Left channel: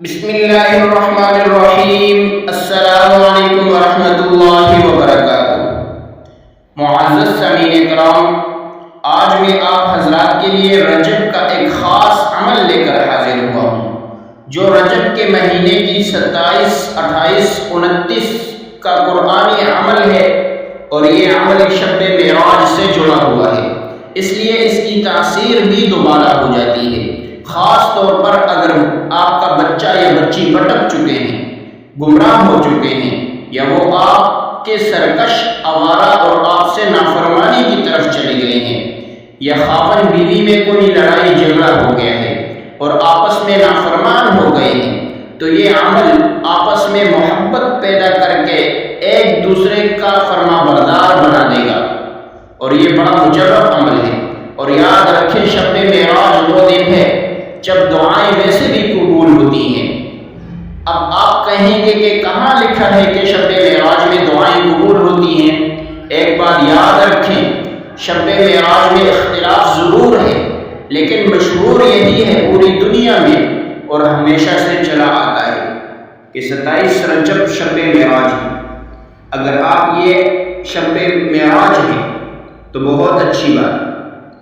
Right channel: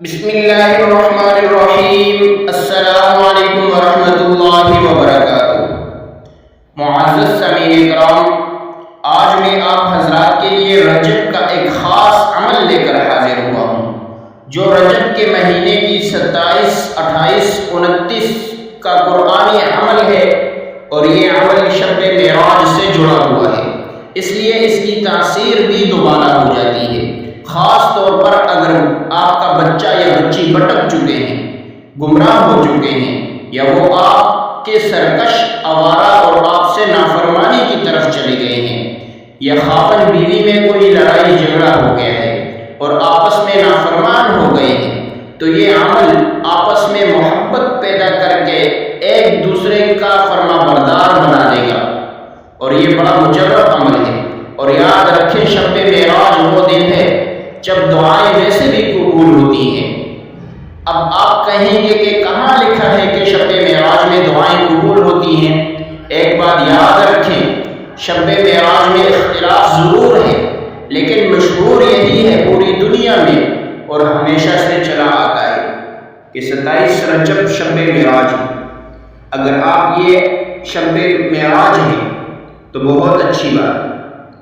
بسم اللہ الرحمن الرحیم۔ السلام علیکم ورحمۃ اللہ وبرکاتہ۔ معزز سامعین کرام، آج میں آپ حضرات کے لیے رجب کا ایک خاص عمل لے کر حاضر ہوا ہوں، جو رجب کے مہینے کی 27، 28، 29 کا قرآنی عمل ہے، اور یہ عمل شب معراج سے جڑا ہوا ہے، اس لیے اس کی تاثیر بھی دوبالا ہو جاتی ہے، خاص طور پر اگر آپ کا بچہ یا بچی بھٹک چکے ہیں، گمراہ ہو چکے ہیں، یا وہ آپ کے سرکش، آوارہ اور آپ سے نافرمانی کی طرف چلے گئے ہیں، یا خاوند بیوی میں کوئی لڑائی جھگڑا ہو گیا ہے اور آپس میں نافرمان ہو گئے ہیں، تو یہ عمل آپس میں محبت پیدا کر کے ایک دوسرے کا فرما بردار بنا دے گا، اور یہ بڑا مجرب عمل ہے۔ اور یاد رکھیں، شب معراج وہ دن ہے جب دعائیں ویسے بھی قبول ہوتی ہیں۔ اب آپ کہیں گے کہ کہاں لکھا ہے کہ شب معراج میں دعائیں قبول ہوتی ہیں؟ ایک بات یاد رکھیں، شب معراج میں اختلاف ضرور ہے، لیکن مشہور یہی ہے پوری دنیا میں اور ہمیشہ سے چلا آتا ہے کہ 27 رجب شب معراج ہے۔ اگر آپ یہ شب معراج ہے تو بہت اچھی بات،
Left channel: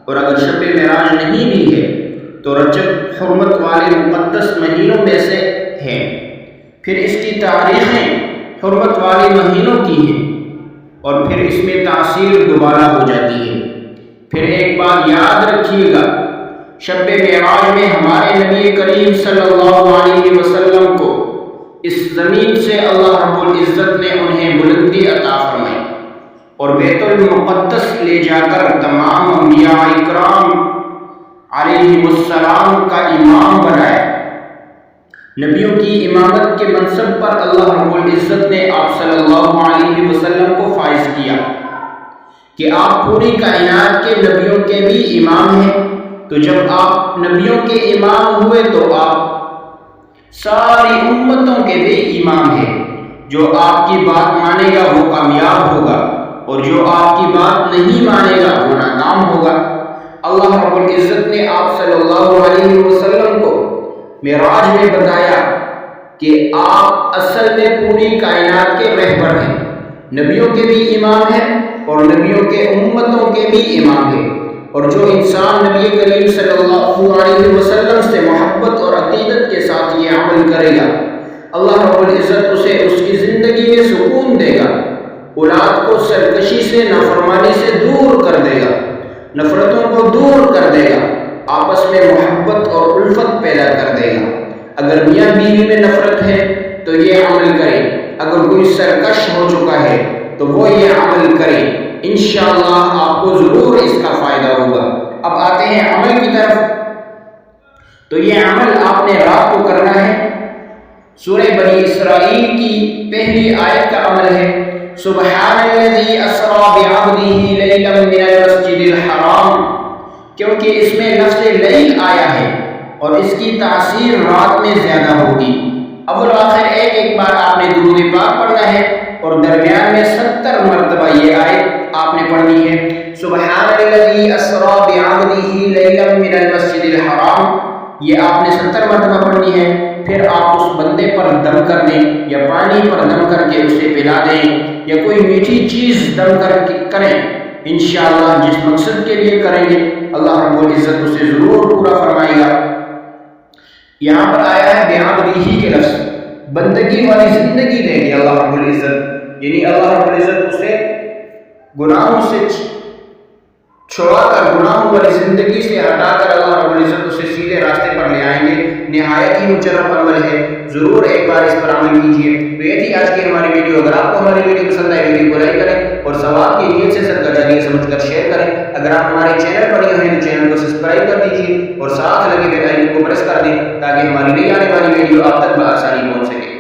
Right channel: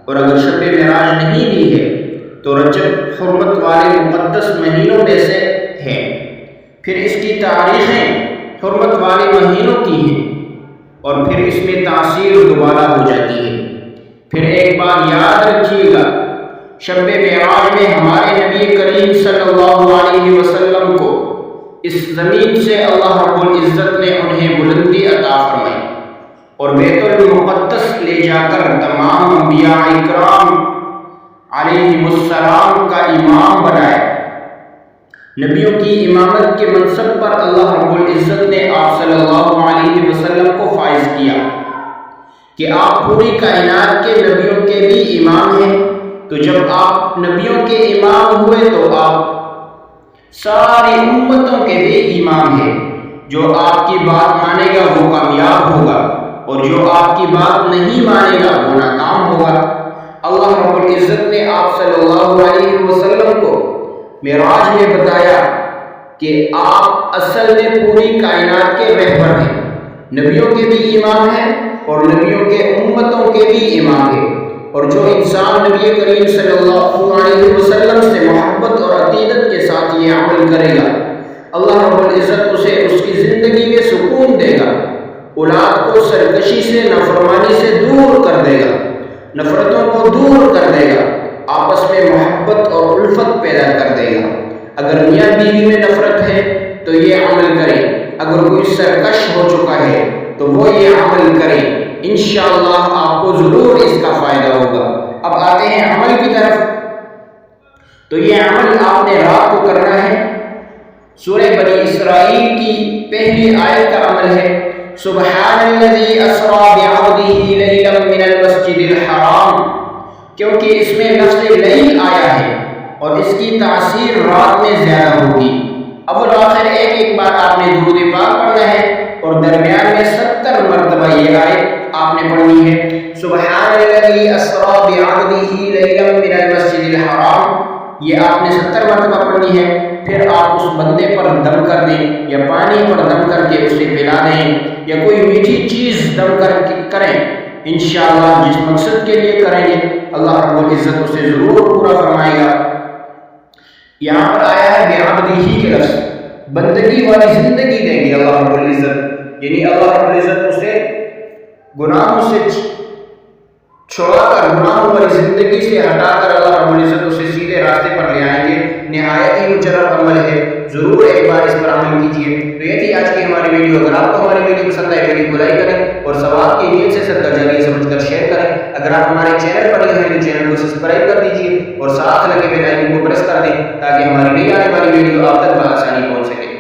اور اگر شب معراج نہیں بھی ہے تو رجب حرمت والے مقدس مہینوں میں سے ہے، پھر اس کی تاریخیں حرمت والے مہینوں کی ہیں، اور پھر اس میں تاثیر دوبارہ ہو جاتی ہے۔ پھر ایک بات یاد رکھیے گا، شب معراج میں ہمارے نبی کریم صلی اللہ علیہ وسلم کو اس زمین سے اللہ رب العزت نے انہیں بلندی عطا فرمائی اور بیت المقدس لے جا کر تمام انبیاء اکرام علیہم السلام کا امام بنایا۔ نبیوں کی امامت کے منصب پر اللہ رب العزت نے آپ صلی اللہ علیہ وسلم کو فائز کیا کہ آپ پوری کائنات کے نبیوں کے بھی امام ہیں۔ تو جب آپ نبیوں کے امام ہوئے تو آپ ساری امتوں کے بھی امام ہیں۔ جو آپ کی بات مانے گا وہ کامیاب ہوگا، اور جو آپ کی بات نہیں مانے گا وہ ناکام ہوگا۔ اللہ رب العزت نے آپ صلی اللہ علیہ وسلم کو معراج میں بتایا کہ آپ اصل میں پوری کائنات کے رہبر ہیں، نبیوں کے بھی امام ہیں اور نبیوں کے امتوں کے بھی امام ہیں، اور جو انسان نبی کریم صلی اللہ علیہ وسلم سے محبت اور عقیدت کے ساتھ یہ عمل کرے گا، اللہ رب العزت اسے اس کی زندگی میں سکون دے گا، اولاد کو سرکشی سے، نافرمانی سے دور کر دے گا، نفرتوں کو دور کر دے گا، آپس میں محبت اور الفت پیدا کر دے گا۔ اگر میاں بیوی میں نفرت ہے تو یہ عمل کریں، اگر کوئی سرکش ہو چکا ہے تو وہ یہ عمل کریں، انشاءاللہ آپ کو ضرور اس کا فائدہ ہوگا۔ اب آتے ہیں عمل کی طرف۔ تو یہ عمل آپ نے رات کو کرنا ہے۔ سورہ بنی اسرائیل کی پہلی آیت کا عمل ہے، سبحان الذی اسری بعبدہ لیلا من المسجد الحرام، کیونکہ اس میں لفظ لیل آیا ہے اور اس کی تاثیر رات میں زیادہ ہوگی۔ اول آخر ایک بار آپ نے درود پاک پڑھنا ہے، اور درمیان میں 70 مرتبہ یہ آیت آپ نے پڑھنی ہے، سبحان الذی اسری بعبدہ لیلا من المسجد الحرام، یہ آپ نے 70 مرتبہ پڑھنی ہے۔ پھر آپ اس بندے پر دم کر دیں، یا پانی پر دم کر کے اسے پلا دیں، یا کوئی میٹھی چیز دم کر کے کریں، انشاءاللہ جس مقصد کے لیے کریں گے اللہ رب العزت اسے ضرور پورا فرمائے گا۔ یہاں پر آیا ہے بعبدہ کے لفظ، بندگی والی زندگی دیں گے اللہ رب العزت، یعنی اللہ رب العزت اسے گناہوں سے چھوڑا کر، گناہوں والی زندگی سے ہٹا کر اللہ رب العزت اسے سیدھے راستے پر لے آئیں گے۔ نہایت ہی مجرب عمل ہے، ضرور ایک بار اس پر عمل کیجیے۔ تو یہ تھی آج کی ہماری ویڈیو۔ اگر آپ کو ہماری ویڈیو پسند آئے، ویڈیو کو لائک کریں اور ثواب کی نیت سے صدقہ جاریہ سمجھ کر شیئر کریں۔ اگر آپ ہمارے چینل پر نئے ہیں تو چینل کو سبسکرائب کر دیجیے اور ساتھ لگے بیل آئیکن کو پریس کر دیں تاکہ ہماری نئی آنے والی ویڈیو آپ تک بآسانی پہنچ سکے۔